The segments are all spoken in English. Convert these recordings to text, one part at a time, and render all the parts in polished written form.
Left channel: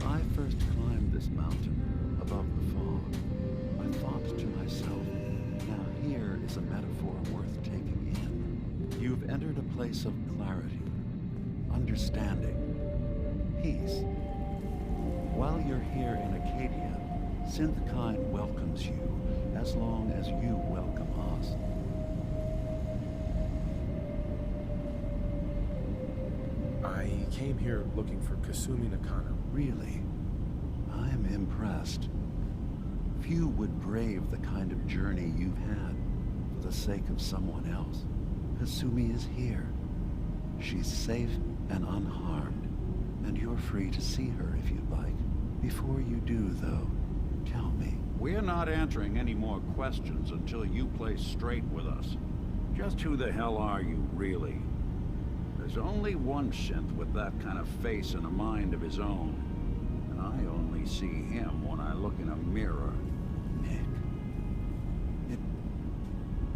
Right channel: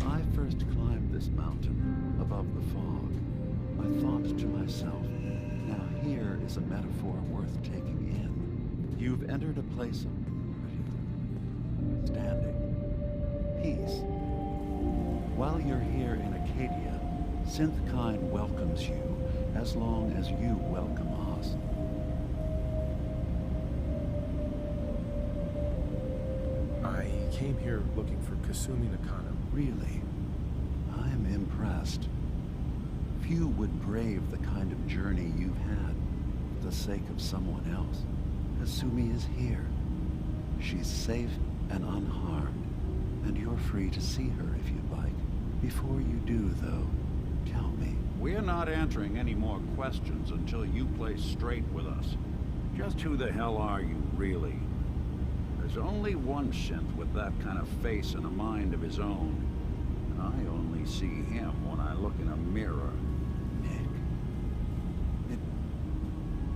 When I first climbed this mountain above the fog, I thought to myself, now here is a metaphor worth taking in. You've entered a place of clarity, understanding, peace. While you're here in Arcadia, Synthkind welcomes you as long as you welcome us. I came here looking for Kasumi Nakano. Really, I'm impressed. Few would brave the kind of journey you've had for the sake of someone else. Kasumi is here. She's safe and unharmed, and you're free to see her if you'd like. Before you do, though, tell me. We're not answering any more questions until you play straight with us. Just who the hell are you, really? There's only one synth with that kind of face and a mind of his own. And I only see him when I look in a mirror. Nick,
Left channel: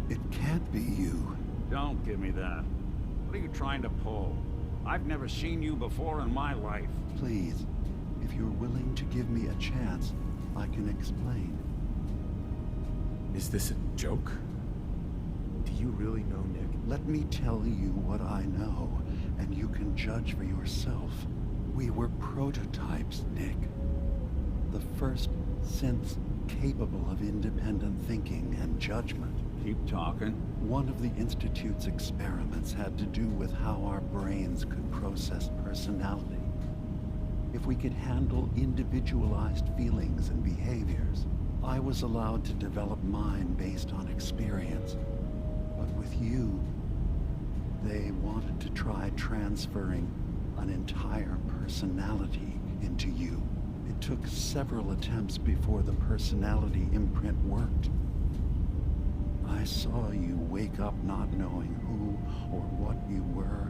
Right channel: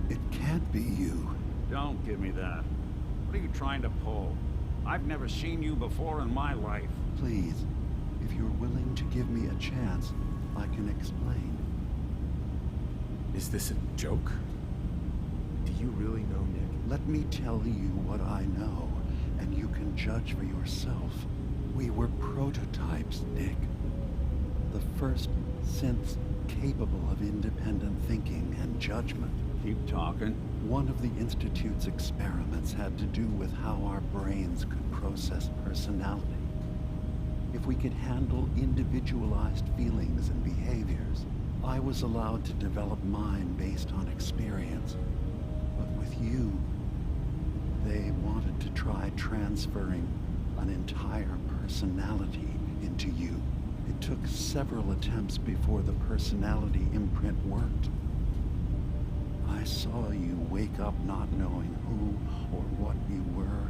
it can't be you. Don't give me that. What are you trying to pull? I've never seen you before in my life. Please, if you're willing to give me a chance, I can explain. Is this a joke? Do you really know Nick? Let me tell you what I know, and you can judge for yourself. We were prototypes, Nick. The first synths capable of independent thinking and judgment. Keep talking. One of the Institute's experiments had to do with how our brains could process personality. If we could handle individualized feelings and behaviors, I was allowed to develop mine based on experience. But with you, they wanted to try transferring an entire personality into you. It took several attempts before the personality imprint worked. I saw you wake up not knowing who or what you were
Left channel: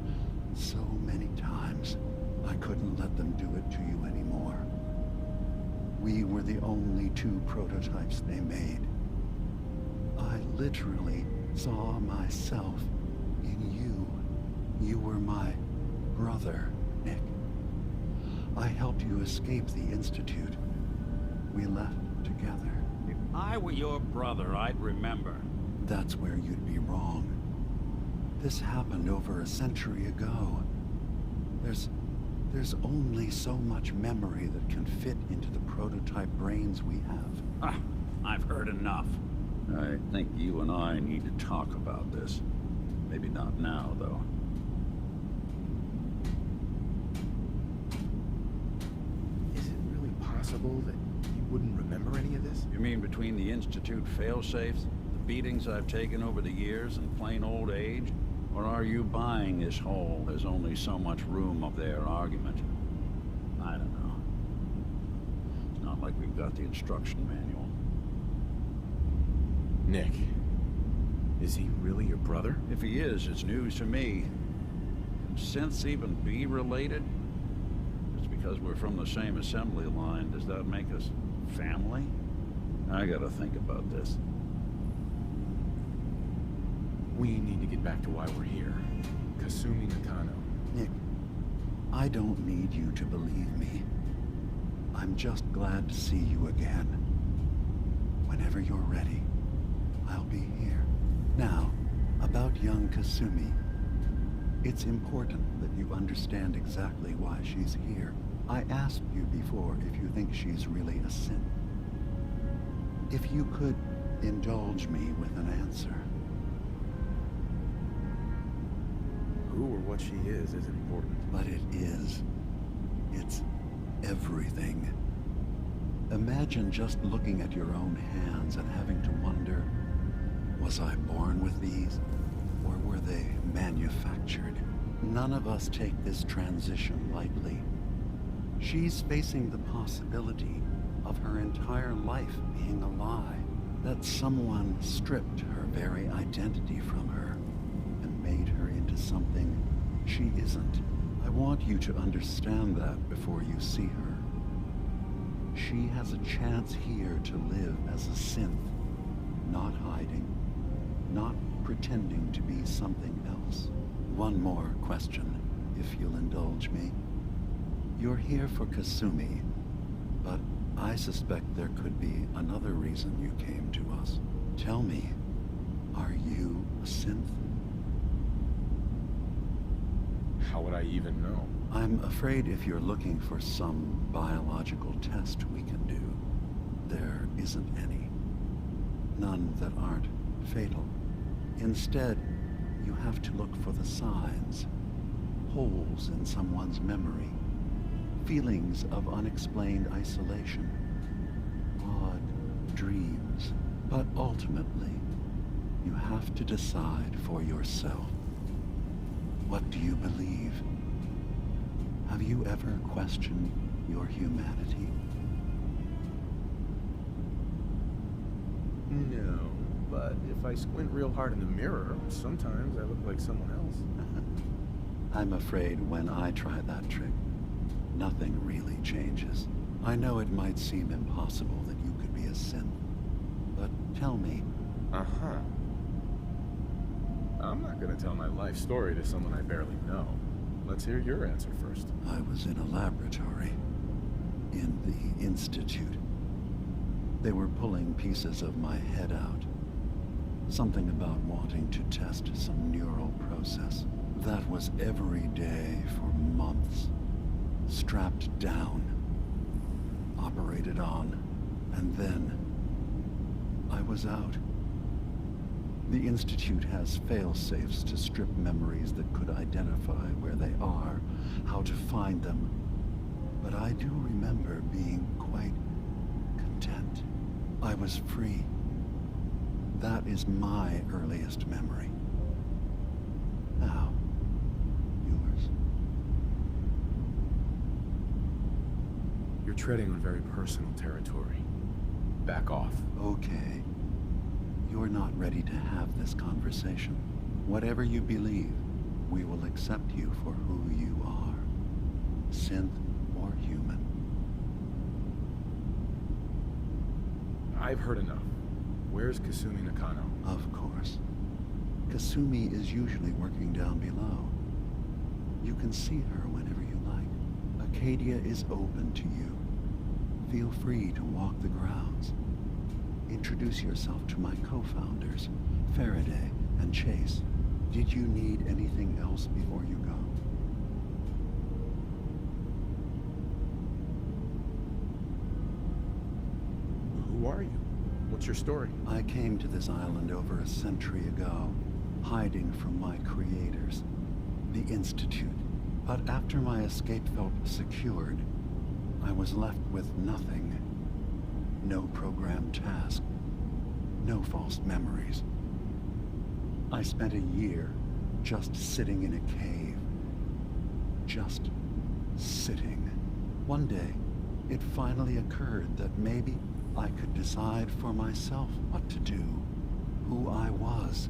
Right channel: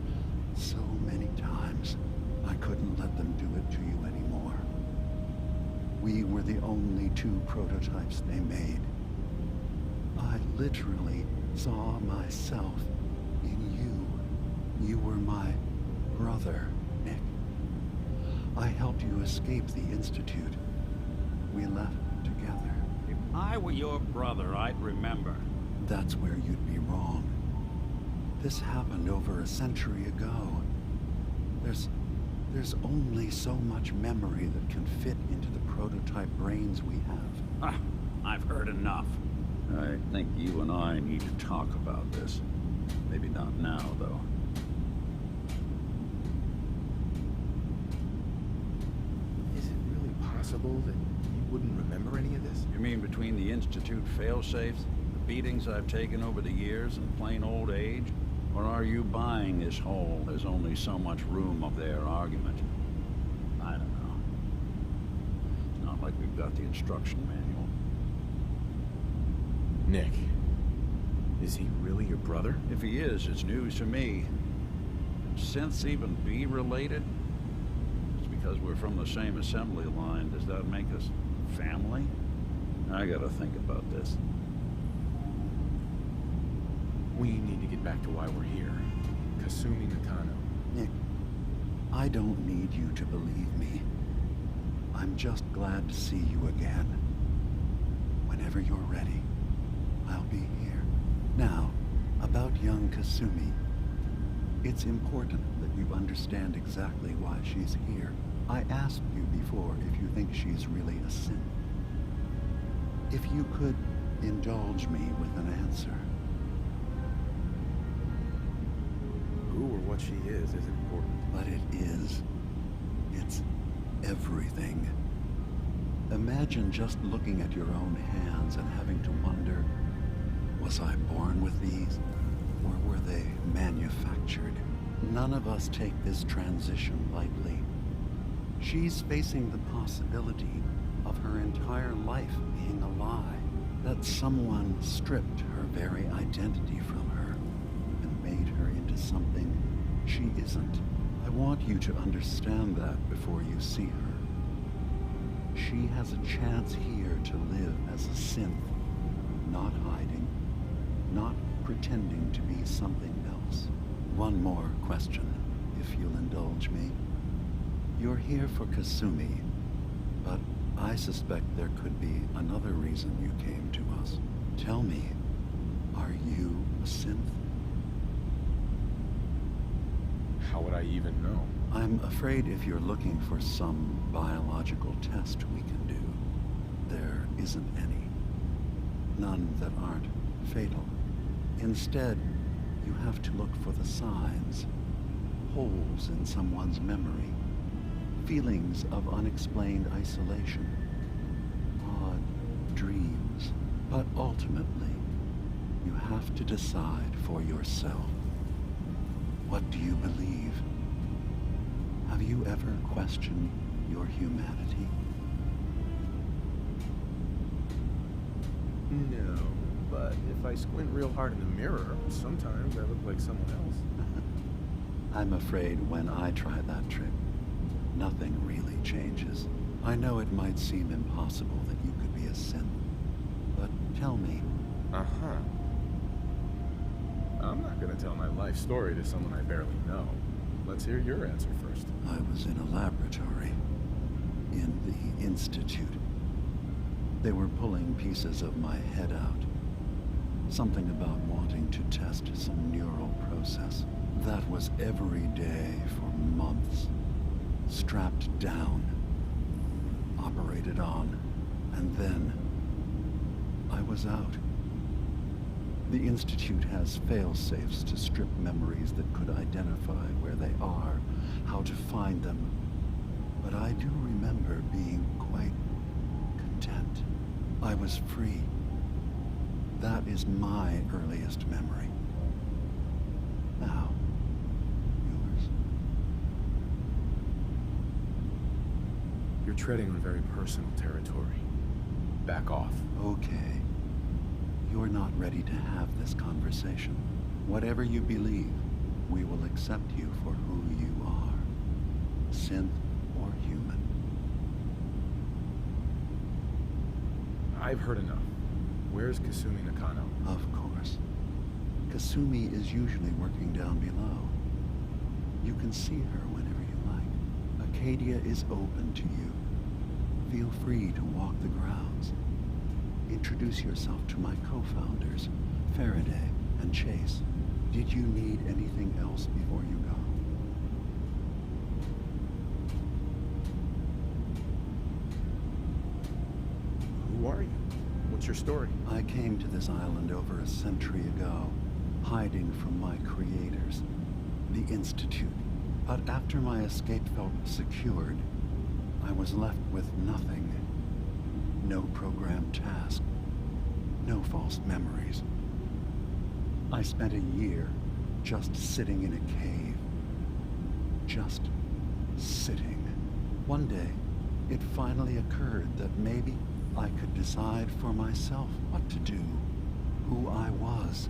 so many times. I couldn't let them do it to you anymore. We were the only two prototypes they made. I literally saw myself in you. You were my brother, Nick. I helped you escape the Institute. We left together. If I were your brother, I'd remember. That's where you'd be wrong. This happened over a century ago. There's only so much memory that can fit into the prototype brains we have. Ah, I've heard enough. I think you and I need to talk about this. Maybe not now, though. Is it really possible that you wouldn't remember any of this? You mean between the Institute failsafes, the beatings I've taken over the years, and plain old age? Or are you buying this whole "there's only so much room" of their argument? I don't know. It's not like we've got the instruction manual. Nick, is he really your brother? If he is, it's news to me. Can synths even be related? Just because we're from the same assembly line, does that make us family? I gotta think about this. We need to get back to why we're here. Kasumi Nakano. Nick, I don't need you to believe me. I'm just glad to see you again. Whenever you're ready, I'll be here. Now, about young Kasumi. It's important that you understand exactly why she's here. I asked you before if you think she's really a synth. If you could indulge me with an answer. Who or what she is isn't important. But it is. It's everything. Imagine just looking at your own hands and having to wonder, was I born with these? Or were they manufactured? None of us take this transition lightly. She's facing the possibility of her entire life being a lie. That someone stripped her very identity from her and made her into something she isn't. I want you to understand that before you see her. She has a chance here to live as a synth, not hiding, not pretending to be something else. One more question, if you'll indulge me. You're here for Kasumi, I suspect there could be another reason you came to us. Tell me, are you a synth? How would I even know? I'm afraid if you're looking for some biological test we can do, there isn't any. None that aren't fatal. Instead, you have to look for the signs, holes in someone's memory, feelings of unexplained isolation, odd dreams. But ultimately, you have to decide for yourself. What do you believe? Have you ever questioned your humanity? No, but if I squint real hard in the mirror, sometimes I look like someone else. I'm afraid when I try that trick, nothing really changes. I know it might seem impossible that you could be a synth, but tell me. Uh-huh. I'm not gonna tell my life story to someone I barely know. Let's hear your answer first. I was in a laboratory, in the Institute. They were pulling pieces of my head out. Something about wanting to test some neural process. That was every day for months. Strapped down, operated on, and then I was out. The Institute has fail-safes to strip memories that could identify where they are, how to find them. But I do remember being quite content. I was free. That is my earliest memory. Now, yours. You're treading on very personal territory. Back off. Okay. You're not ready to have this conversation. Whatever you believe, we will accept you for who you are. Synth or human. I've heard enough. Where's Kasumi Nakano? Of course. Kasumi is usually working down below. You can see her whenever you like. Arcadia is open to you. Feel free to walk the grounds. Introduce yourself to my co-founders, Faraday and Chase. Did you need anything else before you go? Who are you? What's your story? I came to this island over a century ago, hiding from my creators, the Institute. But after my escape felt secured, I was left with nothing. No programmed task. No false memories. I spent a year just sitting in a cave. Just sitting. One day, it finally occurred that maybe I could decide for myself what to do, who I was.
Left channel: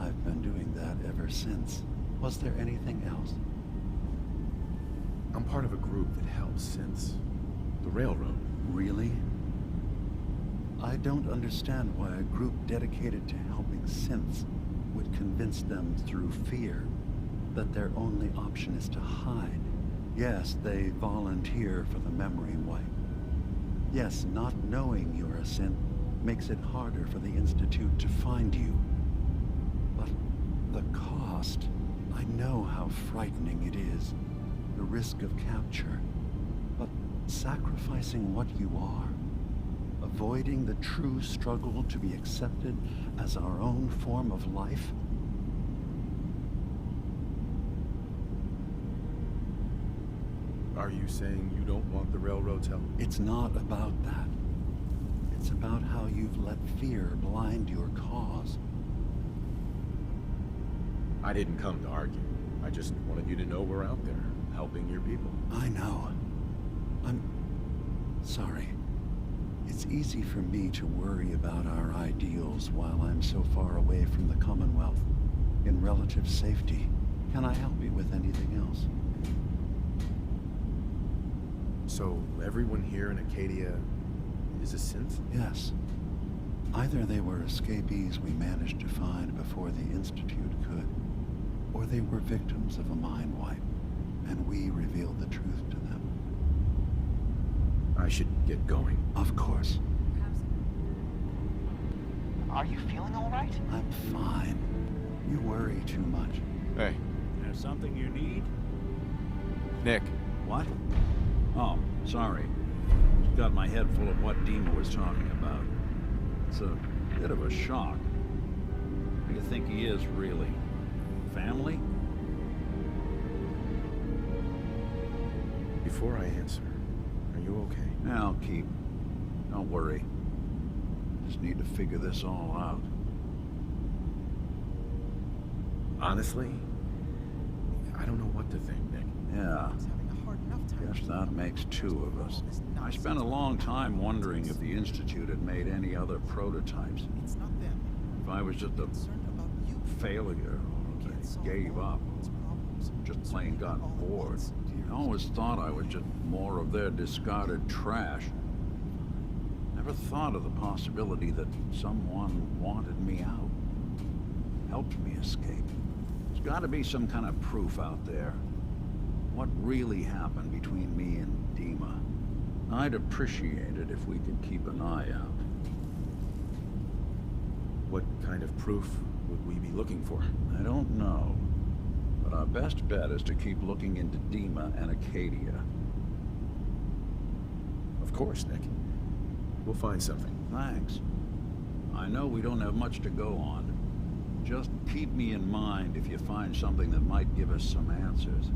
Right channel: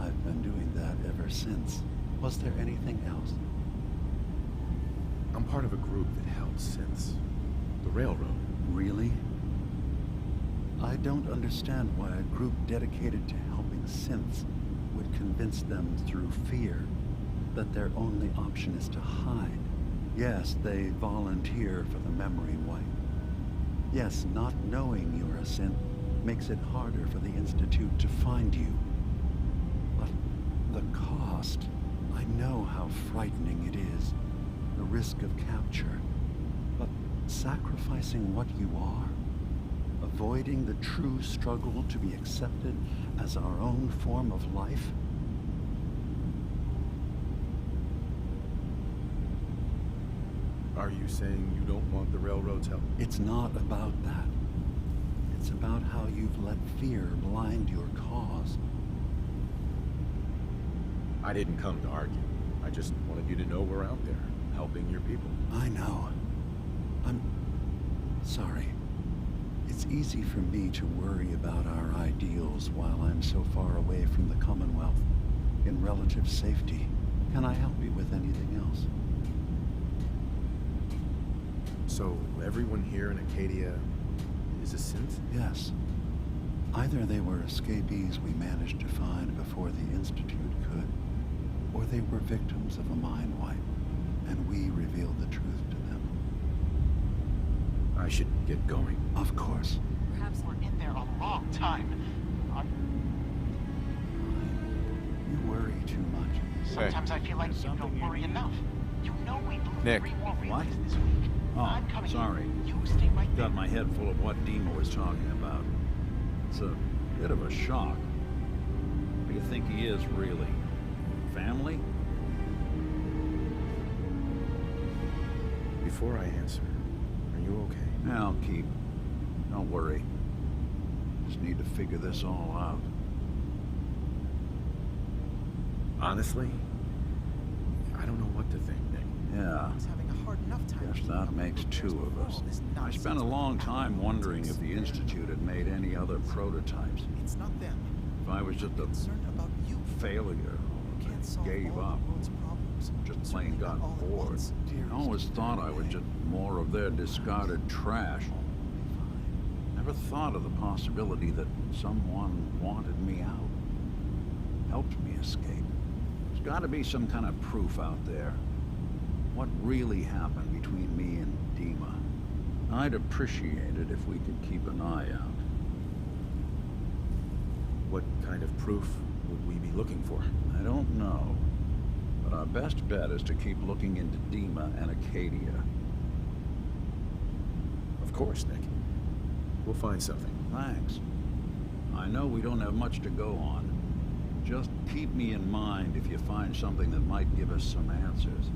I've been doing that ever since. Was there anything else? I'm part of a group that helps synths. The Railroad. Really? I don't understand why a group dedicated to helping synths would convince them through fear that their only option is to hide. Yes, they volunteer for the memory wipe. Yes, not knowing you're a synth makes it harder for the Institute to find you. But the cost, I know how frightening it is. The risk of capture. But sacrificing what you are, avoiding the true struggle to be accepted as our own form of life? Are you saying you don't want the Railroad's help? It's not about that. It's about how you've let fear blind your cause. I didn't come to argue. I just wanted you to know we're out there, helping your people. I know. I'm sorry. It's easy for me to worry about our ideals while I'm so far away from the Commonwealth, in relative safety. Can I help you with anything else? So, everyone here in Arcadia is a synth? Yes. Either they were escapees we managed to find before the Institute could, or they were victims of a mind wipe, and we revealed the truth to them. I should get going. Of course. Perhaps we're in there a long time. Are you feeling all right? I'm fine. You worry too much. Sometimes I feel like There's you something don't you worry need? enough. You know we blew Nick. 3 more What? reasons this week. Oh, I'm coming. sorry. You stay right Got my head full of what Dima was talking about. It's a bit of a shock. What do you think he is, really? Family? Before I answer, are you okay? Yeah, I'll keep. Don't worry. Just need to figure this all out. Honestly, I don't know what to think, Nick. Yeah, He's having a hard enough time guess keeping that up makes with two repairs of before us. all this I nonsense spent a with long lab time wondering if politics. the Institute had made any other prototypes. It's not them. If I was just a Concerned about you. failure, You or can't they solve gave all up, the world's problems. just Certainly plain not got all at bored. once. I always thought I was just more of their discarded trash. Never thought of the possibility that someone wanted me out, helped me escape. There's got to be some kind of proof out there. What really happened between me and Dima? I'd appreciate it if we could keep an eye out. What kind of proof would we be looking for? I don't know, but our best bet is to keep looking into Dima and Arcadia. Of course, Nick. We'll find something. Thanks. I know we don't have much to go on. Just keep me in mind if you find something that might give us some answers.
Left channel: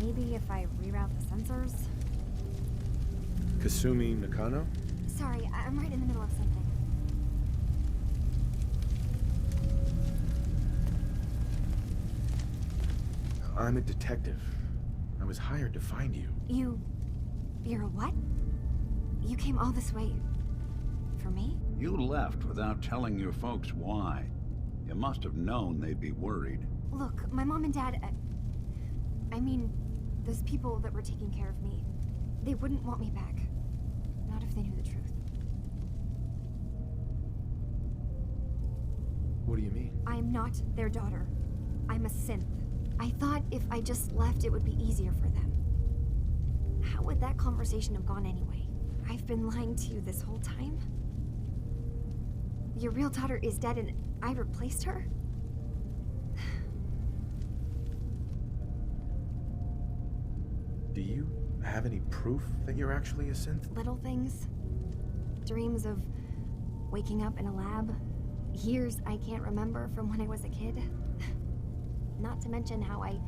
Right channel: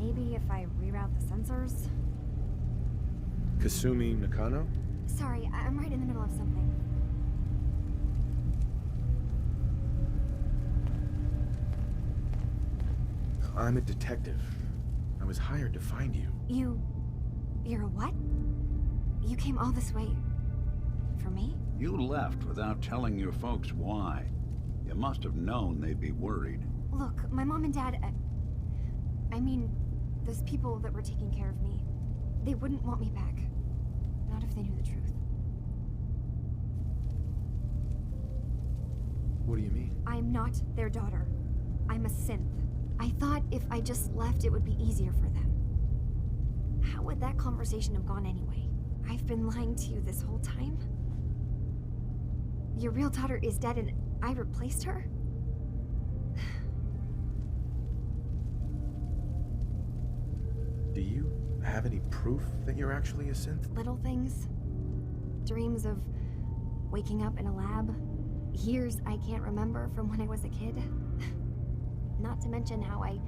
Maybe if I reroute the sensors? Kasumi Nakano? Sorry, I'm right in the middle of something. I'm a detective. I was hired to find you. You're a what? You came all this way... for me? You left without telling your folks why. You must have known they'd be worried. Look, my mom and dad... I mean, those people that were taking care of me, they wouldn't want me back. Not if they knew the truth. What do you mean? I'm not their daughter. I'm a synth. I thought if I just left, it would be easier for them. How would that conversation have gone anyway? I've been lying to you this whole time? Your real daughter is dead and I replaced her? Do you have any proof that you're actually a synth? Little things. Dreams of waking up in a lab. Years I can't remember from when I was a kid. Not to mention how I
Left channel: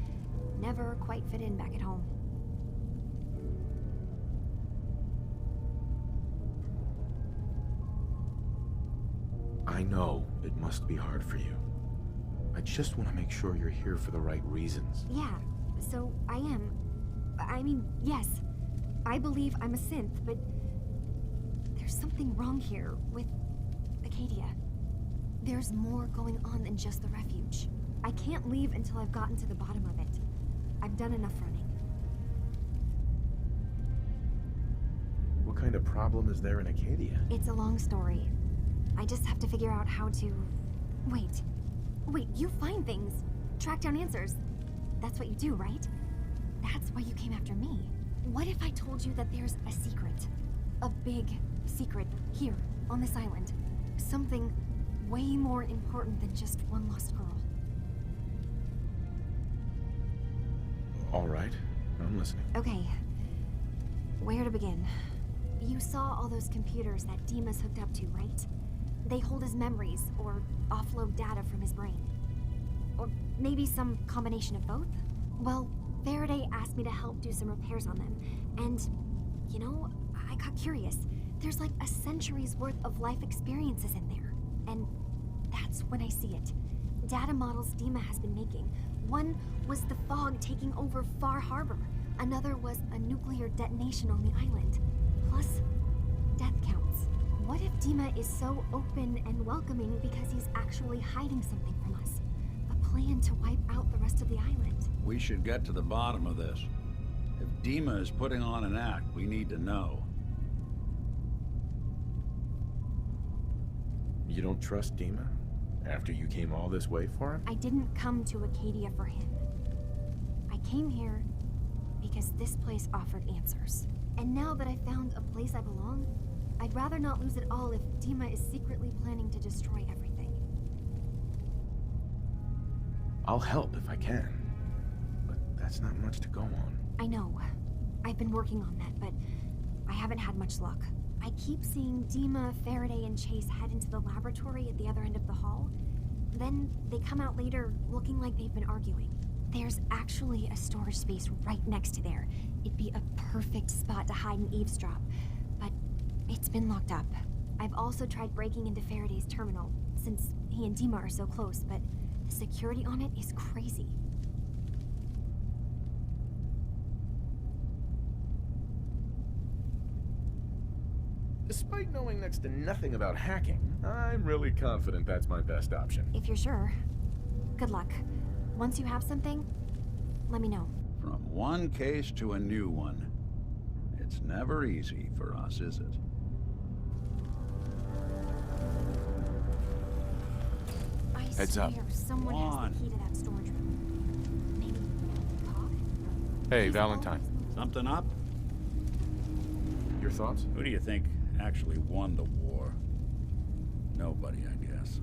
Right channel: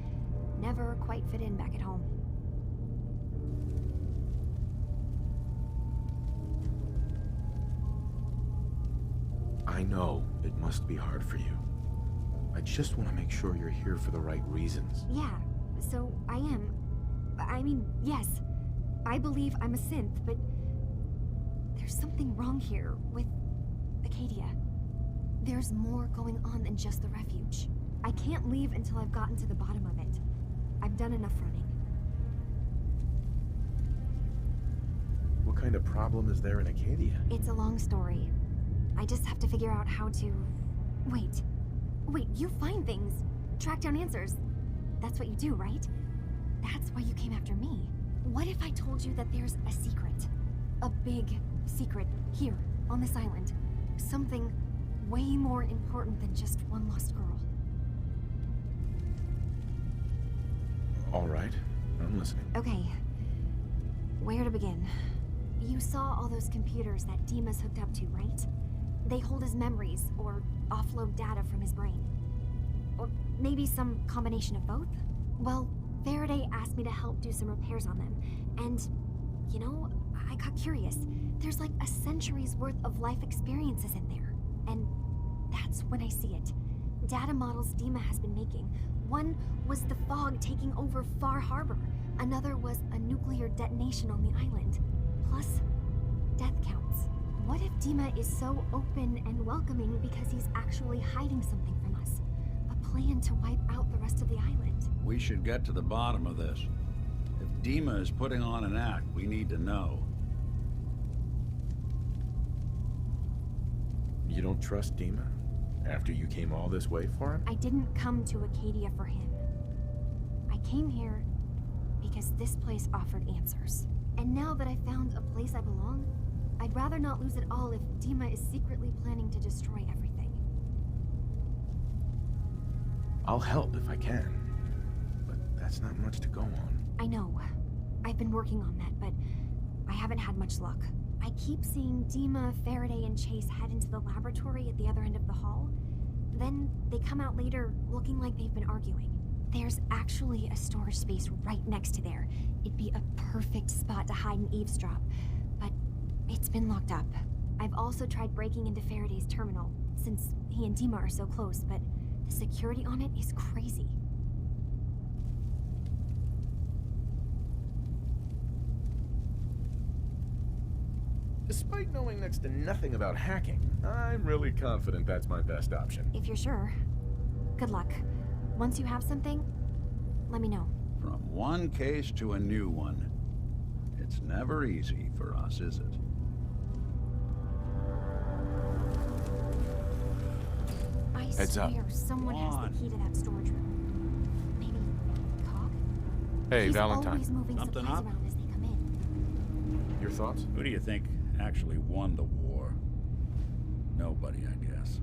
never quite fit in back at home. I know it must be hard for you. I just want to make sure you're here for the right reasons. Yeah, so I am. I mean, yes. I believe I'm a synth, but there's something wrong here with Arcadia. There's more going on than just the refuge. I can't leave until I've gotten to the bottom of it. I've done enough running. What kind of problem is there in Arcadia? It's a long story. I just have to figure out how to... Wait, you find things. Track down answers. That's what you do, right? That's why you came after me. What if I told you that there's a secret? A big secret here, on this island. Something way more important than just one lost girl. All right, I'm listening. Okay. Where to begin? You saw all those computers that Dima's hooked up to, right? They hold his memories, or offload data from his brain. Or maybe some combination of both? Well, Faraday asked me to help do some repairs on them, and, you know, I got curious. There's like a century's worth of life experiences in there, and that's when I see it. Data models Dima has been making. One was the fog taking over Far Harbor. Another was a nuclear detonation on the island. Plus, death counts. What if Dima is so open and welcoming because he's actually hiding something from us? A plan to wipe out the rest of the island. We should get to the bottom of this. If Dima is putting on an act, we need to know. You don't trust Dima? After you came all this way for him? I didn't come to Arcadia for him. I came here because this place offered answers. And now that I found a place I belong, I'd rather not lose it all if Dima is secretly planning to destroy everything. I'll help if I can. But that's not much to go on. I know. I've been working on that, but I haven't had much luck. I keep seeing Dima, Faraday, and Chase head into the laboratory at the other end of the hall. Then they come out later looking like they've been arguing. There's actually a storage space right next to there. It'd be a perfect spot to hide and eavesdrop, but it's been locked up. I've also tried breaking into Faraday's terminal, since he and Dima are so close, but the security on it is crazy. Despite knowing next to nothing about hacking, I'm really confident that's my best option. If you're sure. Good luck. Once you have something, let me know. From one case to a new one. It's never easy for us, is it? I Heads up. swear someone has the key to that storage room. Maybe Cobb? Hey, He's Valentine. always moving Something supplies up? around as they come in. Your thoughts? Who do you think actually won the war? Nobody, I guess.